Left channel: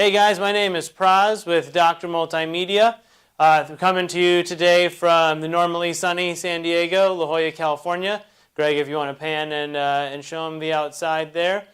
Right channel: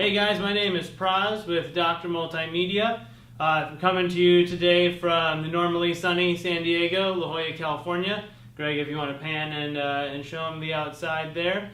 Hey guys, my name is Pras with Dr. Multimedia. I'm coming to you today from the normally sunny San Diego, La Jolla, California. Greg, if you want to pan and show them the outside there.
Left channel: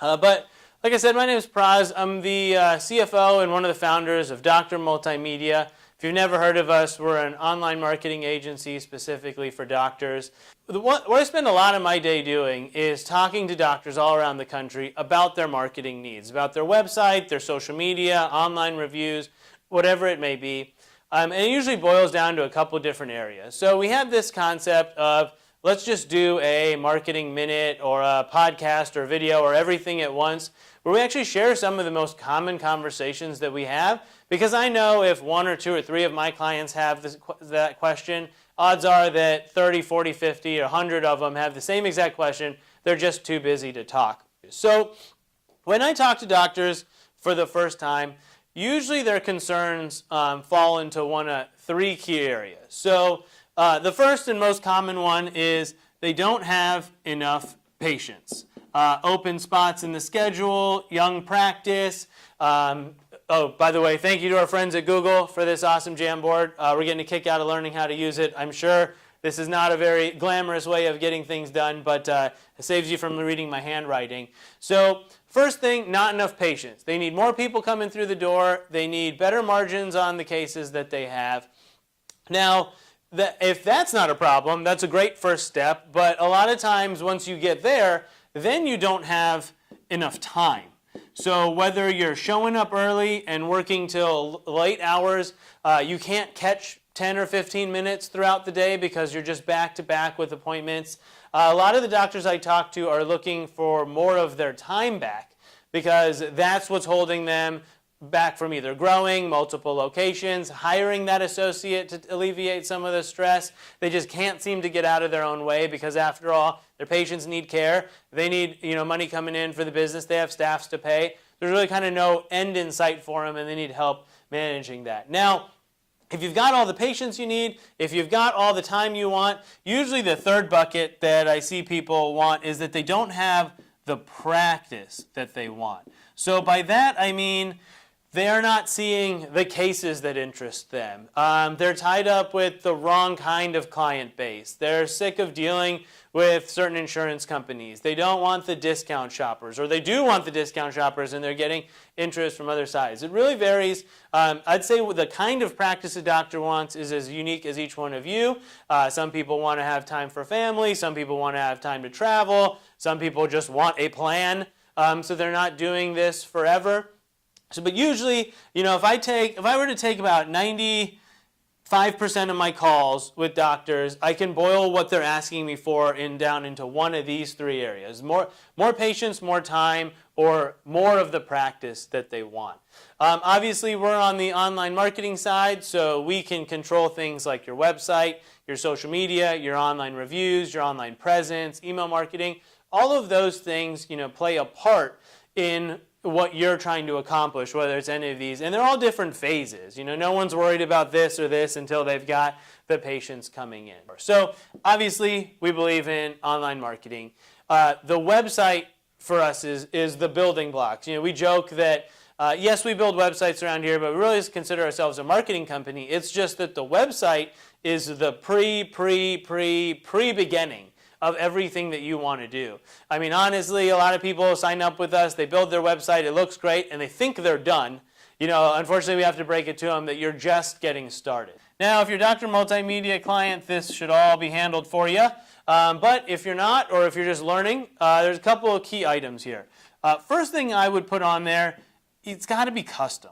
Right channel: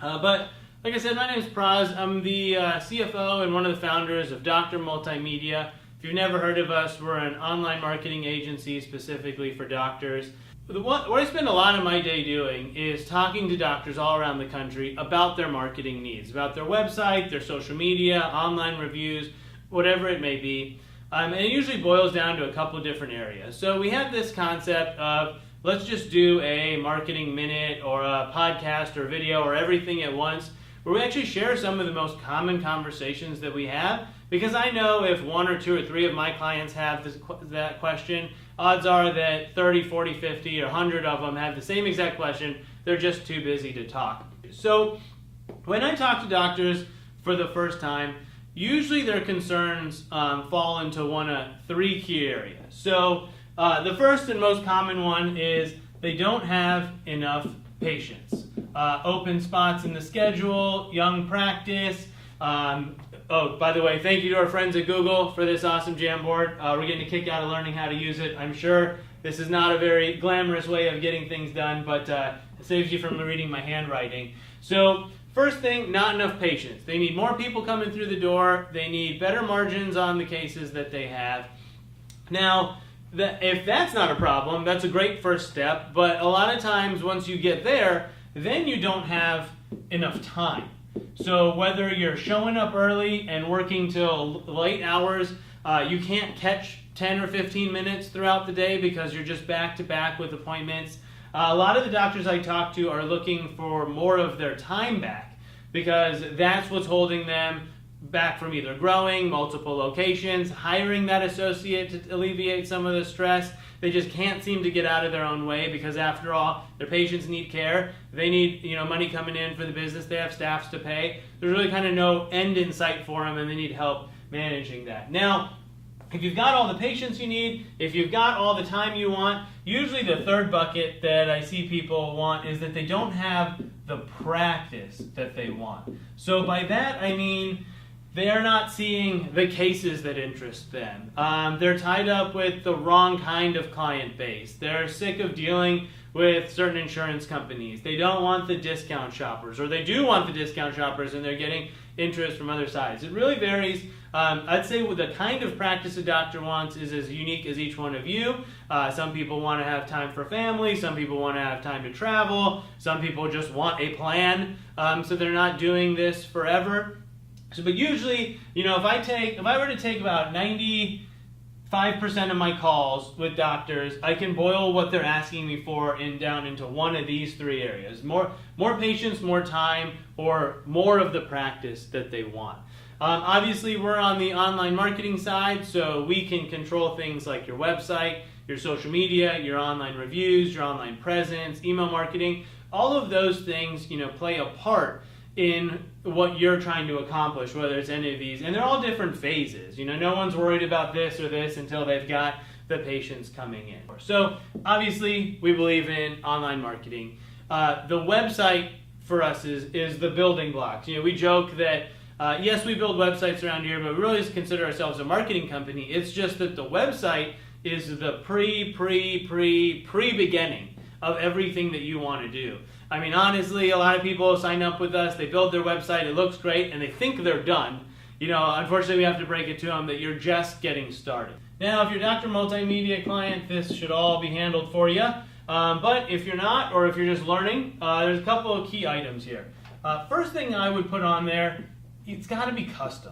But like I said, my name is Pras. I'm the CFO and one of the founders of Dr. Multimedia. If you've never heard of us, we're an online marketing agency specifically for doctors. What I spend a lot of my day doing is talking to doctors all around the country about their marketing needs, about their website, their social media, online reviews, whatever it may be. And it usually boils down to a couple of different areas. So we have this concept of let's just do a marketing minute or a podcast or video or everything at once, where we actually share some of the most common conversations that we have. Because I know if one or two or three of my clients have that question, odds are that 30, 40, 50, or 100 of them have the same exact question. They're just too busy to talk. So when I talk to doctors for the first time, usually their concerns fall into one of three key areas. So the first and most common one is they don't have enough patients. Open spots in the schedule, young practice. Oh, by the way, thank you to our friends at Google for this awesome Jamboard. We're getting a kick out of learning how to use it. I'm sure this is not a very glamorous way of getting things done, but it saves you from reading my handwriting. So first thing, not enough patients. They need more people coming through the door. They need better margins on the cases that they have. Now, if that's not a problem, that's a great first step, but a lot of times once you get there, then you don't have enough time. So whether you're showing up early and working till late hours, you can't catch 10 or 15 minutes throughout the day because you're just back to back with appointments. A lot of the doctors I talk to are looking for more of their time back because that's what's holding them back from either growing, multiple locations, hiring that associate to alleviate some of the stress. They just can't seem to get out of their own way because after all, their patients need care. They need money coming in for the business. They have staffs to pay. There's really kind of no end in sight for them and they need help managing that. Now, if you've got all the patients you need, if you've got all the time you want, usually the third bucket that I see people want is that they don't have the practice that they want. So by that I mean they are not seeing the cases that interest them. They're tied up with the wrong kind of client base. They're sick of dealing with certain insurance companies. They don't want the discount shoppers, or they do want the discount shoppers and they're getting interest from other sides. It really varies. I'd say the kind of practice a doctor wants is as unique as each one of you. Some people want to have time for family. Some people want to have time to travel. Some people just want a plan, so they're not doing this forever. So, but usually, if I were to take about 95% of my calls with doctors, I can boil what they're asking me for down into one of these three areas: more patients, more time, or more of the practice that they want. Obviously, we're on the online marketing side, so we can control things like your website, your social media, your online reviews, your online presence, email marketing. All of those things, play a part in what you're trying to accomplish, whether it's any of these. And they're all different phases. No one's worried about this or this until they've got the patients coming in. So obviously, we believe in online marketing. The website for us is the building blocks. We joke that, yes, we build websites around here, but we really just consider ourselves a marketing company. It's just that the website is the pre-beginning of everything that you want to do. I mean, honestly, a lot of people sign up with us, they build their website, it looks great, and they think they're done. Unfortunately, we have to break it to them that you're just getting started. Now, if you're a Dr. Multimedia client, this should all be handled for you. But if you're not, or if you're just learning, there's a couple of key items here. First thing I would put on there, it's got to be custom.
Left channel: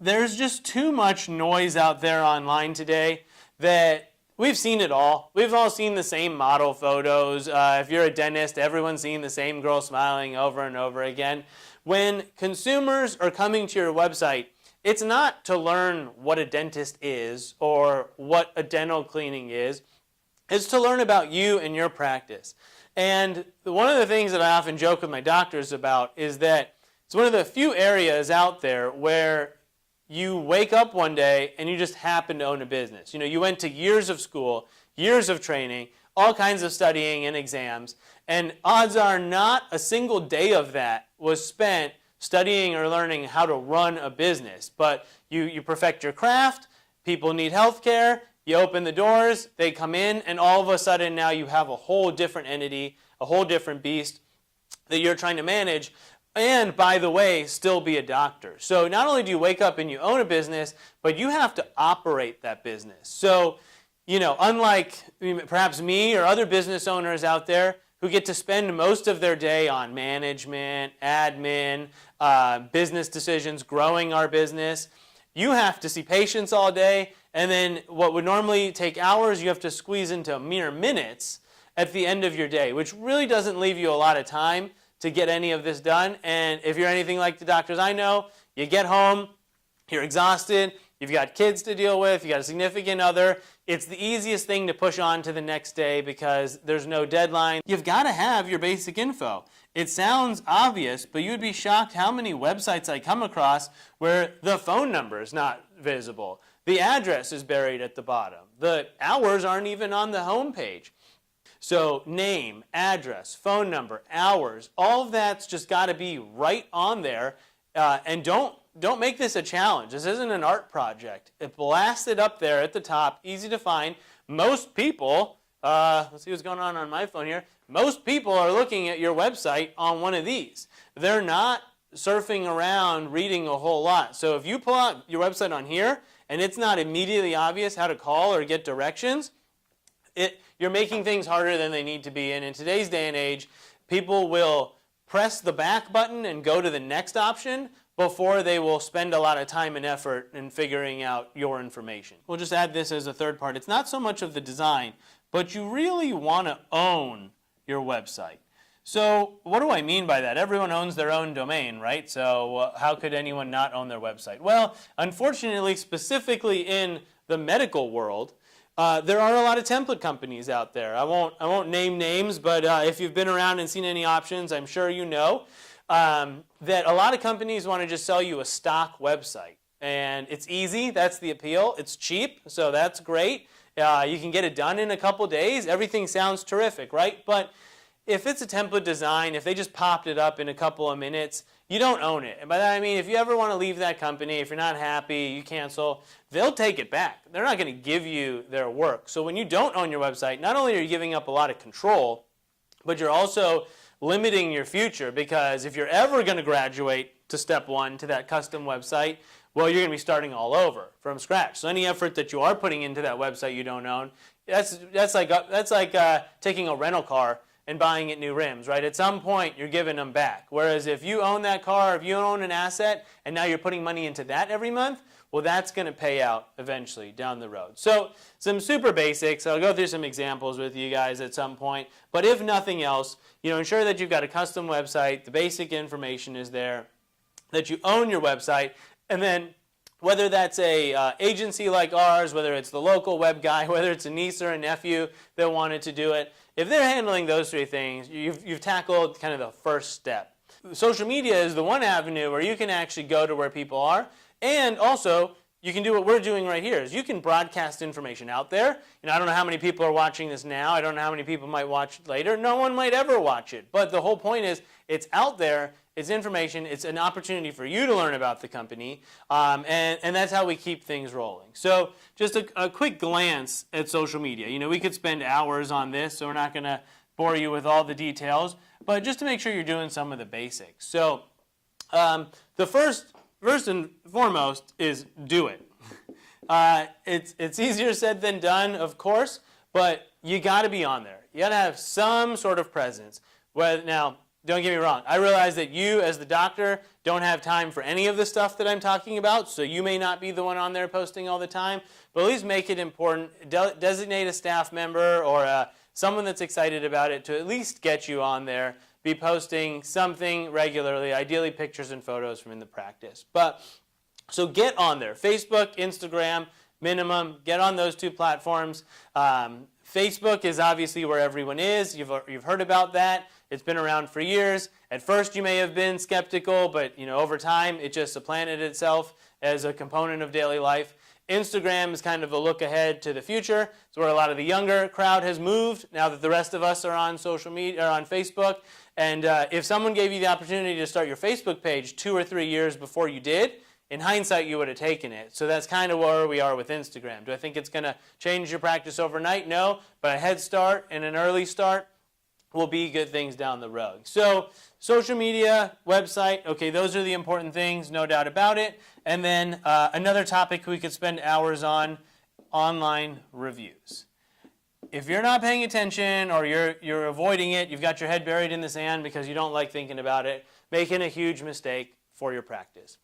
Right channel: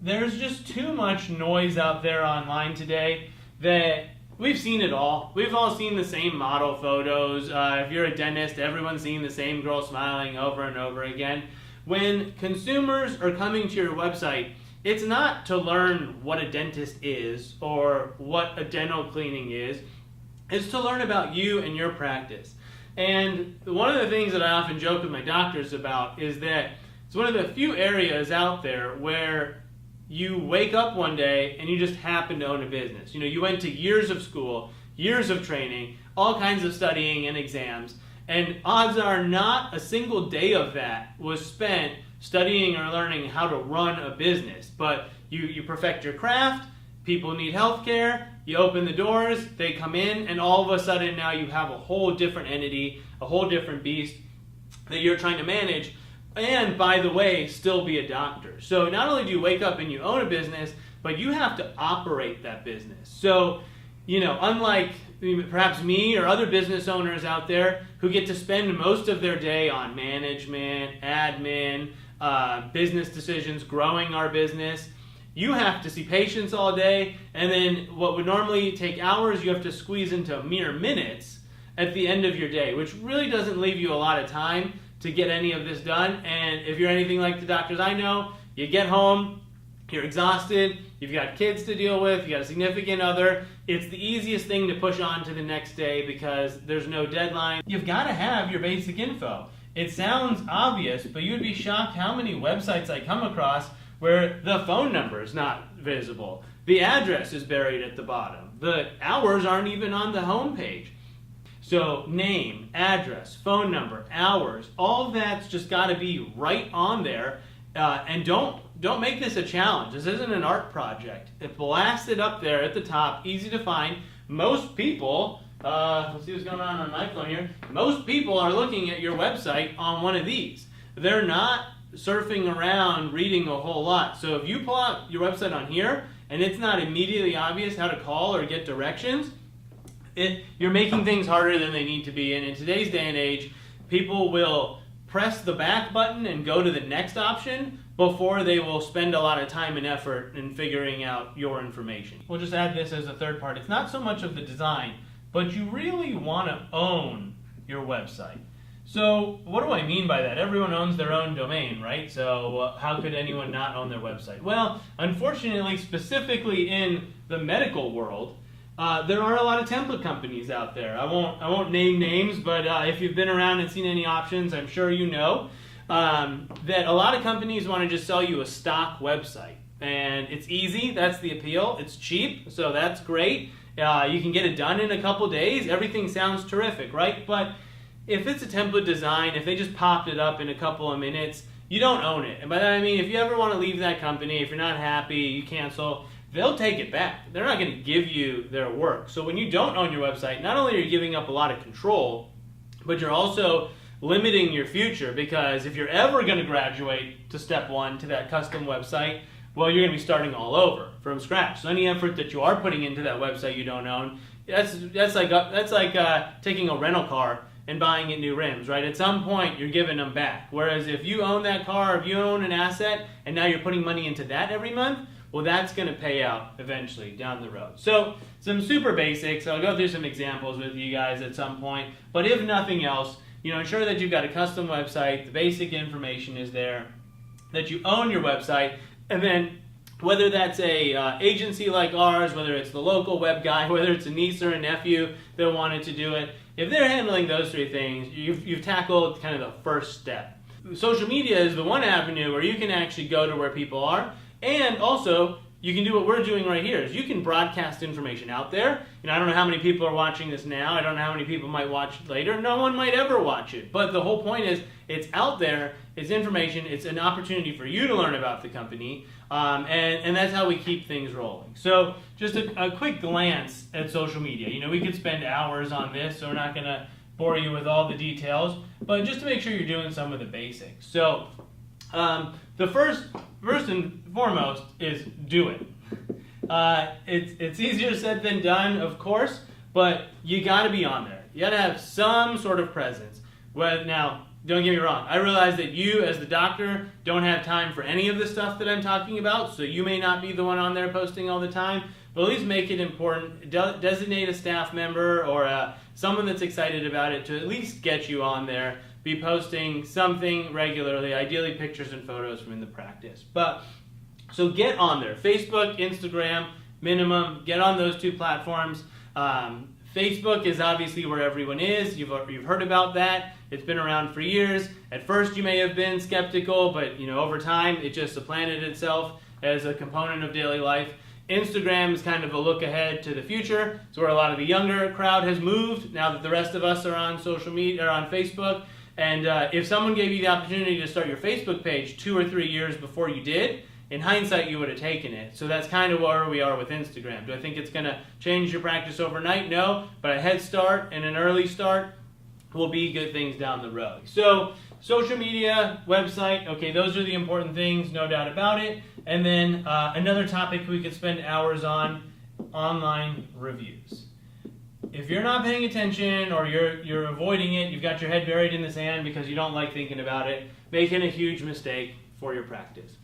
There's just too much noise out there online today that we've seen it all. We've all seen the same model photos. If you're a dentist, everyone's seen the same girl smiling over and over again. When consumers are coming to your website, it's not to learn what a dentist is or what a dental cleaning is. It's to learn about you and your practice. And one of the things that I often joke with my doctors about is that it's one of the few areas out there where you wake up one day and you just happen to own a business. You went to years of school, years of training, all kinds of studying and exams, and odds are not a single day of that was spent studying or learning how to run a business, but you perfect your craft, people need healthcare, you open the doors, they come in, and all of a sudden now you have a whole different entity, a whole different beast that you're trying to manage, and by the way, still be a doctor. So not only do you wake up and you own a business, but you have to operate that business. So, unlike perhaps me or other business owners out there who get to spend most of their day on management, admin, business decisions, growing our business, you have to see patients all day, and then what would normally take hours, you have to squeeze into mere minutes at the end of your day, which really doesn't leave you a lot of time to get any of this done. And if you're anything like the doctors I know, you get home, you're exhausted, you've got kids to deal with, you've got a significant other. It's the easiest thing to push on to the next day because there's no deadline. You've got to have your basic info. It sounds obvious, but you'd be shocked how many websites I come across where the phone number is not visible. The address is buried at the bottom. The hours aren't even on the home page. So name, address, phone number, hours, all of that's just got to be right on there. And don't make this a challenge. This isn't an art project. Blast it up there at the top, easy to find. Most people, let's see what's going on my phone here. Most people are looking at your website on one of these. They're not surfing around reading a whole lot. So if you pull out your website on here and it's not immediately obvious how to call or get directions, you're making things harder than they need to be. And in today's day and age, people will press the back button and go to the next option before they will spend a lot of time and effort in figuring out your information. We'll just add this as a third part. It's not so much of the design, but you really want to own your website. So what do I mean by that? Everyone owns their own domain, right? So how could anyone not own their website? Well, unfortunately, specifically in the medical world, there are a lot of template companies out there. I won't name names, but if you've been around and seen any options, I'm sure you know that a lot of companies want to just sell you a stock website. And it's easy, that's the appeal. It's cheap, so that's great. You can get it done in a couple days. Everything sounds terrific, right? But if it's a template design, if they just popped it up in a couple of minutes, you don't own it. And by that I mean, if you ever want to leave that company, if you're not happy, you cancel, they'll take it back. They're not going to give you their work. So when you don't own your website, not only are you giving up a lot of control, but you're also limiting your future, because if you're ever going to graduate to step one, to that custom website, well, you're going to be starting all over from scratch. So any effort that you are putting into that website you don't own, that's like taking a rental car and buying it new rims, right? At some point, you're giving them back. Whereas if you own that car, if you own an asset, and now you're putting money into that every month, well, that's going to pay out eventually down the road. So some super basics. I'll go through some examples with you guys at some point. But if nothing else, ensure that you've got a custom website, the basic information is there, that you own your website, and then whether that's a agency like ours, whether it's the local web guy, whether it's a niece or a nephew that wanted to do it, if they're handling those three things, you've tackled kind of the first step. Social media is the one avenue where you can actually go to where people are, and also you can do what we're doing right here, is you can broadcast information out there. I don't know how many people are watching this now. I don't know how many people might watch it later. No one might ever watch it. But the whole point is it's out there. It's information. It's an opportunity for you to learn about the company. And that's how we keep things rolling. So just a quick glance at social media. We could spend hours on this, so we're not going to bore you with all the details. But just to make sure you're doing some of the basics. So the first and foremost is do it. It's easier said than done, of course, but you got to be on there. You got to have some sort of presence. Well, now, don't get me wrong. I realize that you, as the doctor, don't have time for any of the stuff that I'm talking about, so you may not be the one on there posting all the time, but at least make it important. Designate a staff member or someone that's excited about it to at least get you on there. Be posting something regularly, ideally pictures and photos from in the practice. So get on there. Facebook, Instagram, minimum. Get on those two platforms. Facebook is obviously where everyone is. You've heard about that. It's been around for years. At first you may have been skeptical, but over time it just supplanted itself as a component of daily life. Instagram is kind of a look ahead to the future. It's where a lot of the younger crowd has moved now that the rest of us are on social media or on Facebook. And if someone gave you the opportunity to start your Facebook page 2 or 3 years before you did, in hindsight, you would have taken it. So that's kind of where we are with Instagram. Do I think it's going to change your practice overnight? No, but a head start and an early start will be good things down the road. So social media, website, okay, those are the important things, no doubt about it. And then another topic we could spend hours on, online reviews. If you're not paying attention or you're avoiding it, you've got your head buried in the sand because you don't like thinking about it, making a huge mistake for your practice.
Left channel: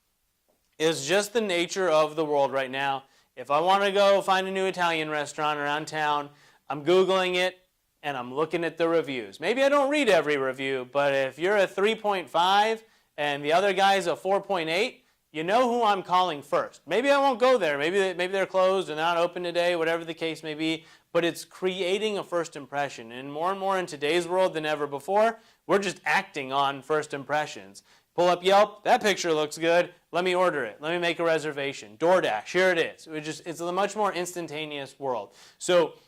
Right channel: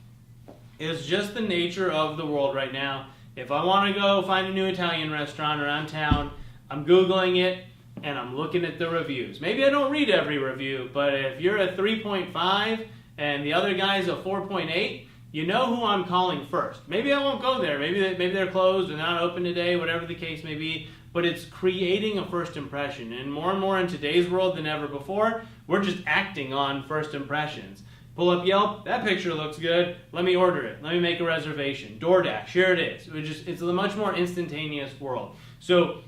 It's just the nature of the world right now. If I want to go find a new Italian restaurant around town, I'm Googling it and I'm looking at the reviews. Maybe I don't read every review, but if you're a 3.5 and the other guy's a 4.8, you know who I'm calling first. Maybe I won't go there. Maybe they're closed or not open today, whatever the case may be. But it's creating a first impression. And more in today's world than ever before, we're just acting on first impressions. Pull up Yelp, that picture looks good, let me order it, let me make a reservation. DoorDash, here it is. It's a much more instantaneous world. So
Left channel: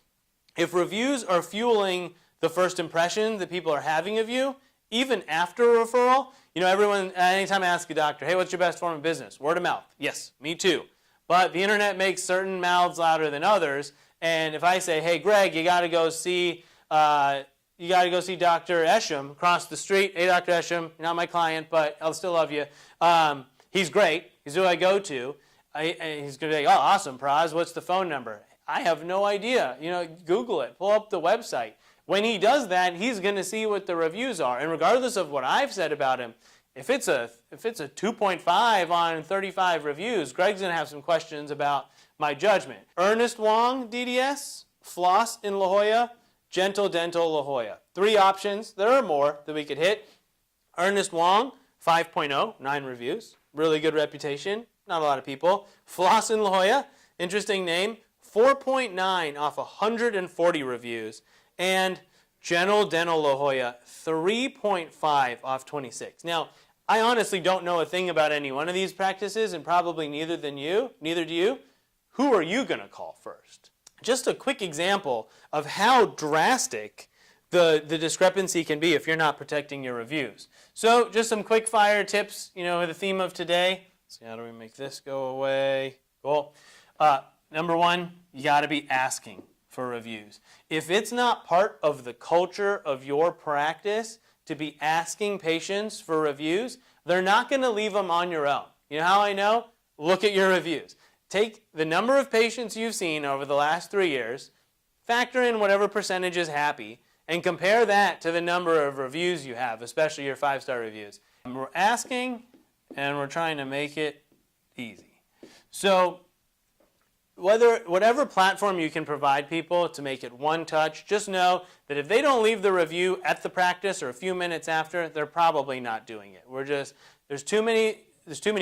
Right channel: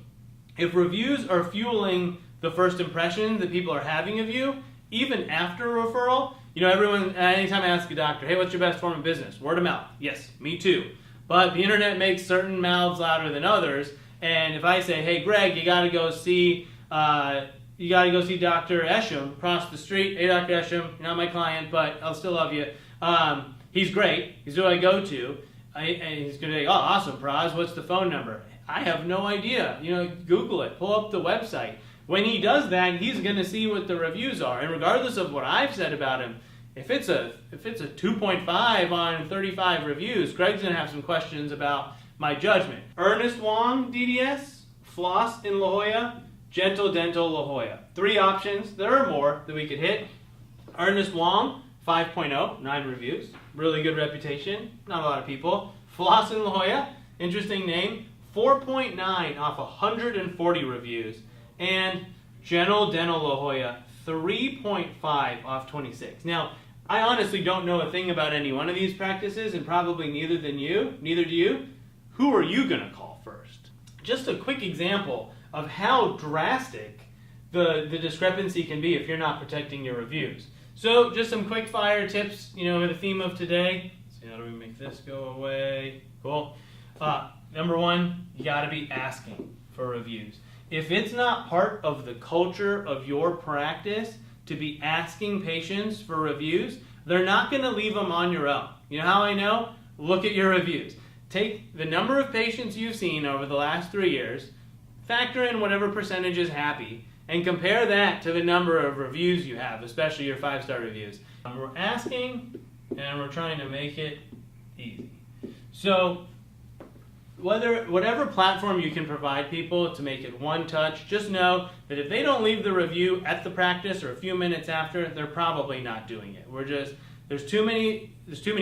if reviews are fueling the first impression that people are having of you, even after a referral, everyone, anytime I ask a doctor, hey, what's your best form of business? Word of mouth. Yes, me too. But the internet makes certain mouths louder than others, and if I say, hey, Greg, you got to go see Dr. Esham across the street. Hey, Dr. Esham, you're not my client, but I'll still love you. He's great. He's who I go to. And he's going to be like, oh, awesome, Pras. What's the phone number? I have no idea. Google it. Pull up the website. When he does that, he's going to see what the reviews are. And regardless of what I've said about him, if it's a 2.5 on 35 reviews, Greg's going to have some questions about my judgment. Ernest Wong, DDS, Floss in La Jolla, Gentle Dental La Jolla. 3 options. There are more that we could hit. Ernest Wong, 5.0, 9 reviews. Really good reputation. Not a lot of people. Floss in La Jolla, interesting name, 4.9 off 140 reviews. And Gentle Dental La Jolla, 3.5 off 26. Now, I honestly don't know a thing about any one of these practices, and probably neither do you. Who are you going to call first? Just a quick example of how drastic the discrepancy can be if you're not protecting your reviews. So just some quick fire tips, with the theme of today. Let's see, how do we make this go away? Cool. Number 1, you got to be asking for reviews. If it's not part of the culture of your practice to be asking patients for reviews, they're not going to leave them on your own. You know how I know? Look at your reviews. Take the number of patients you've seen over the last 3 years, factor in whatever percentage is happy, and compare that to the number of reviews you have, especially your 5-star reviews. We're asking, and we're trying to make it easy. So whatever platform you can provide people to make it one touch, just know that if they don't leave the review at the practice or a few minutes after, they're probably not doing it. There's too many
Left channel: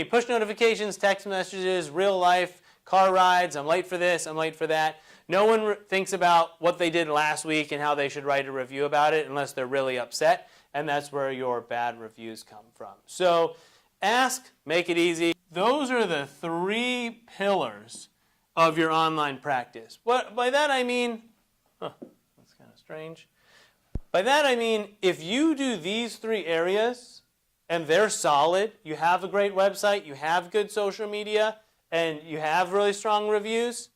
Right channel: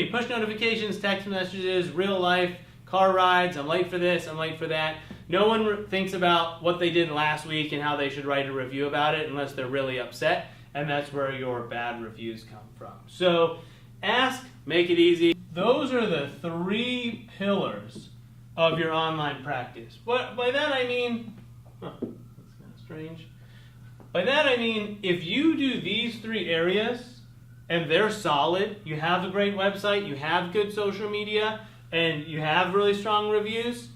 push notifications, text messages, real life, car rides, I'm late for this, I'm late for that. No one thinks about what they did last week and how they should write a review about it unless they're really upset, and that's where your bad reviews come from. So ask, make it easy. Those are the 3 pillars of your online practice. By that I mean, that's kind of strange. By that I mean, if you do these 3 areas and they're solid, you have a great website, you have good social media, and you have really strong reviews,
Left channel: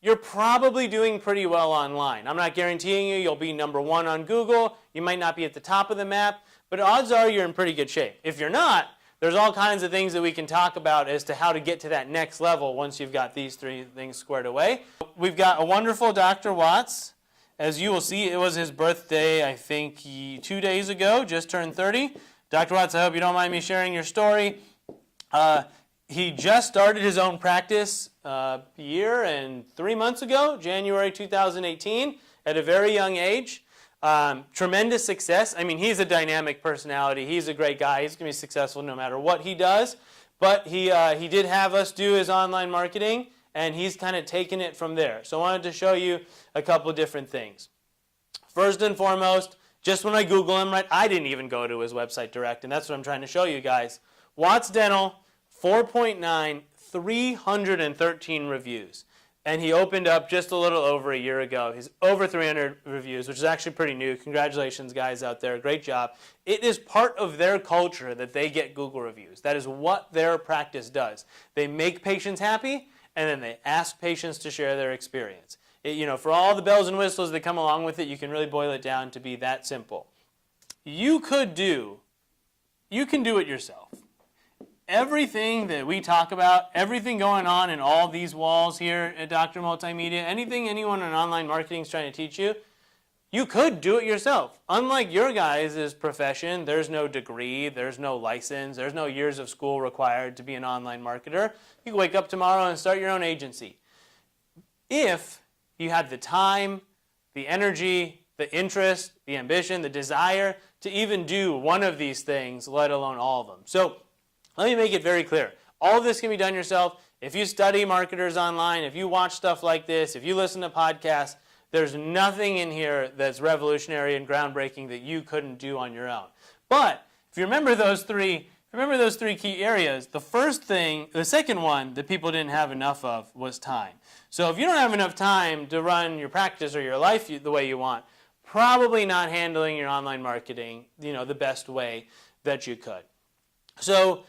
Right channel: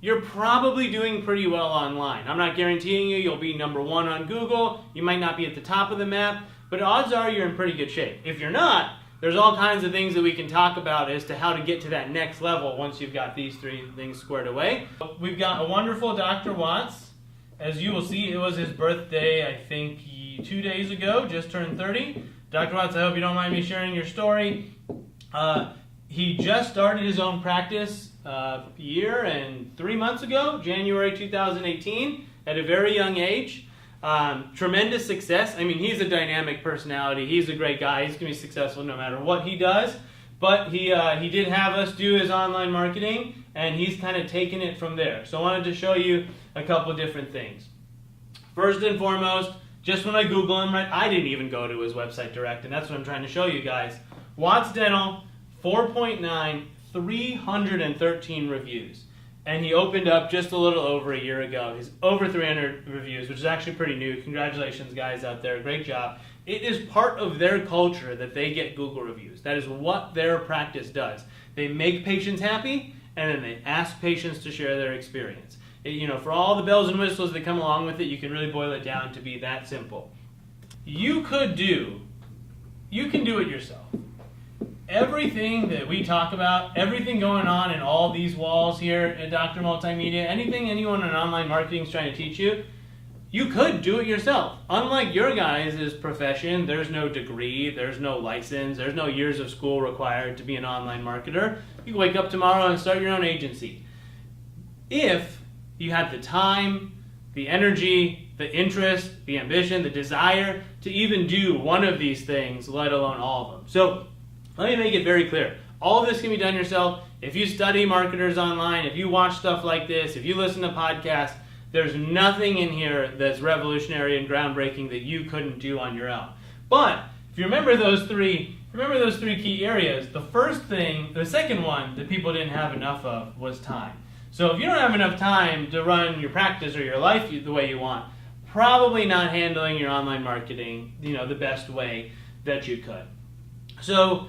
you're probably doing pretty well online. I'm not guaranteeing you'll be number 1 on Google. You might not be at the top of the map, but odds are you're in pretty good shape. If you're not, there's all kinds of things that we can talk about as to how to get to that next level once you've got these 3 things squared away. We've got a wonderful Dr. Watts. As you will see, it was his birthday, I think, 2 days ago, just turned 30. Dr. Watts, I hope you don't mind me sharing your story. He just started his own practice a year and 3 months ago, January 2018, at a very young age. Tremendous success. I mean, he's a dynamic personality. He's a great guy. He's going to be successful no matter what he does. But he did have us do his online marketing, and he's kind of taken it from there. So I wanted to show you a couple different things. First and foremost, just when I Google him, right, I didn't even go to his website direct, and that's what I'm trying to show you guys. Watts Dental, 4.9, 313 reviews. and he opened up just a little over a year ago. He's over 300 reviews, which is actually pretty new. Congratulations, guys out there. Great job. It is part of their culture that they get Google reviews. That is what their practice does. They make patients happy, and then they ask patients to share their experience. For all the bells and whistles that come along with it, you can really boil it down to be that simple. You can do it yourself. Everything that we talk about, everything going on in all these walls here at Dr. Multimedia, anything anyone in online marketing is trying to teach you, you could do it yourself. Unlike your guys' profession, there's no degree, there's no license, there's no years of school required to be an online marketer. You can wake up tomorrow and start your own agency. If you have the time, the energy, the interest, the ambition, the desire to even do one of these things, let alone all of them. So let me make it very clear. All of this can be done yourself. If you study marketers online, if you watch stuff like this, if you listen to podcasts, there's nothing in here that's revolutionary and groundbreaking that you couldn't do on your own. But if you remember those three key areas, the second one that people didn't have enough of was time. So if you don't have enough time to run your practice or your life the way you want, probably not handling your online marketing, the best way that you could. So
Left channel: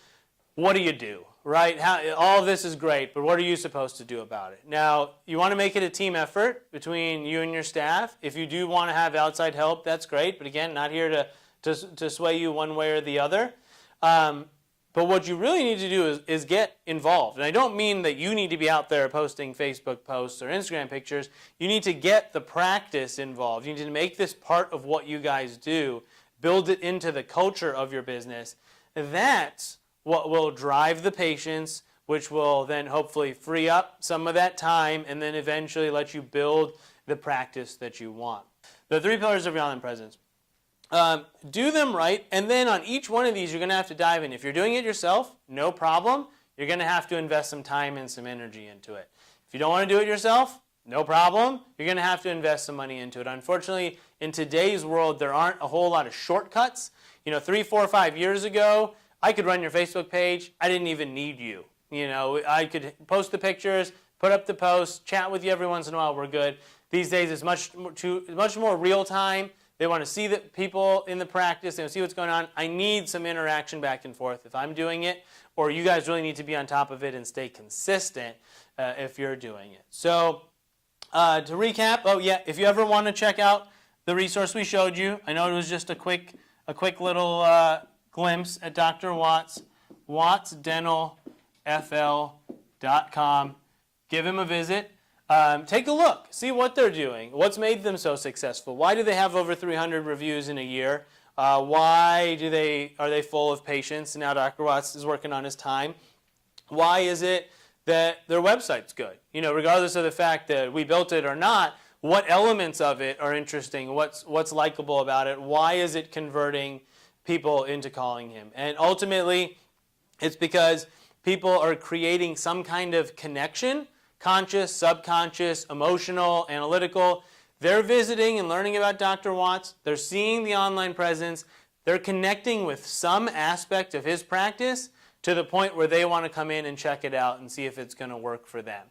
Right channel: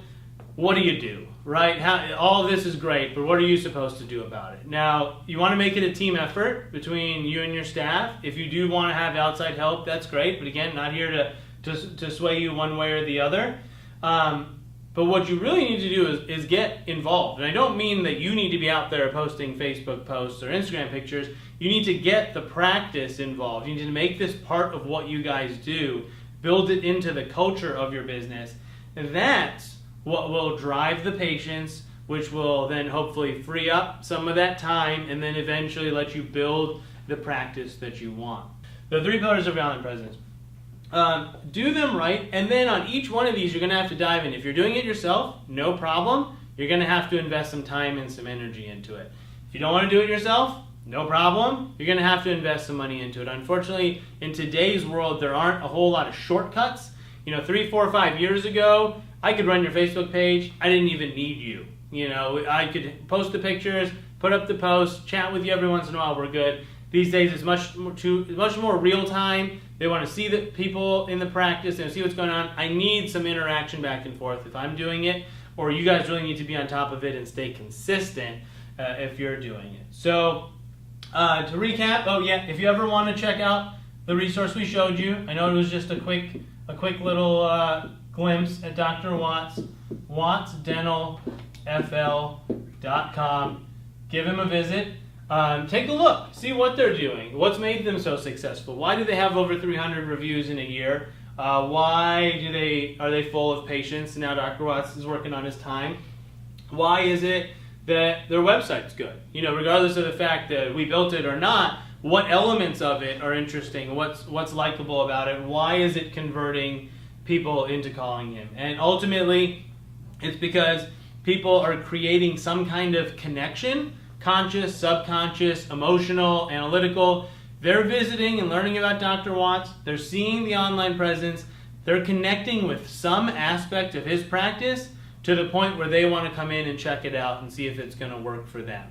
what do you do, right? All this is great, but what are you supposed to do about it? Now, you want to make it a team effort between you and your staff. If you do want to have outside help, that's great. But again, not here to sway you one way or the other. But what you really need to do is get involved. And I don't mean that you need to be out there posting Facebook posts or Instagram pictures. You need to get the practice involved. You need to make this part of what you guys do, build it into the culture of your business. And that's what will drive the patients, which will then hopefully free up some of that time and then eventually let you build the practice that you want. The 3 pillars of your online presence. Do them right, and then on each one of these you're going to have to dive in. If you're doing it yourself, no problem. You're going to have to invest some time and some energy into it. If you don't want to do it yourself, no problem. You're going to have to invest some money into it. Unfortunately, in today's world, there aren't a whole lot of shortcuts. 3, 4, 5 years ago, I could run your Facebook page. I didn't even need you. I could post the pictures, put up the posts, chat with you every once in a while. We're good. These days, it's much more real time. They want to see the people in the practice. They want to see what's going on. I need some interaction back and forth if I'm doing it, or you guys really need to be on top of it and stay consistent if you're doing it. So to recap, if you ever want to check out the resource we showed you, I know it was just a quick little glimpse at Dr. Watts, wattsdentalfl.com. Give him a visit. Take a look. See what they're doing. What's made them so successful? Why do they have over 300 reviews in a year? Why are they full of patients? Now Dr. Watts is working on his time. Why is it that their website's good? Regardless of the fact that we built it or not, what elements of it are interesting? What's likable about it? Why is it converting people into calling him? And ultimately, it's because people are creating some kind of connection, conscious, subconscious, emotional, analytical. They're visiting and learning about Dr. Watts. They're seeing the online presence. They're connecting with some aspect of his practice to the point where they want to come in and check it out and see if it's going to work for them.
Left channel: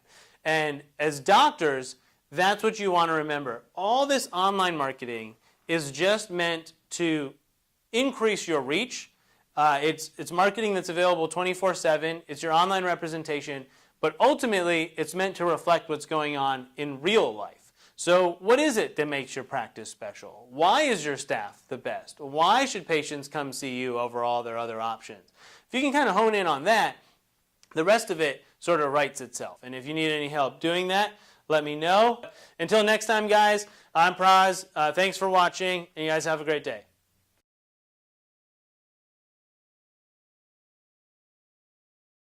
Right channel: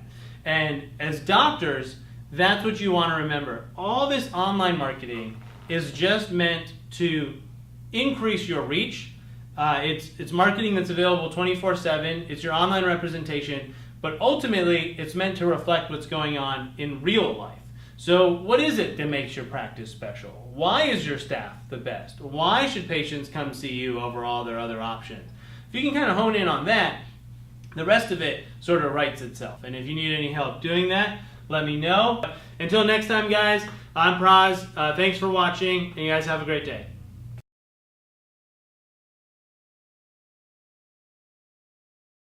And as doctors, that's what you want to remember. All this online marketing is just meant to increase your reach. It's marketing that's available 24/7. It's your online representation. But ultimately, it's meant to reflect what's going on in real life. So what is it that makes your practice special? Why is your staff the best? Why should patients come see you over all their other options? If you can kind of hone in on that, the rest of it sort of writes itself. And if you need any help doing that, let me know. Until next time, guys, I'm Pras. Thanks for watching, and you guys have a great day.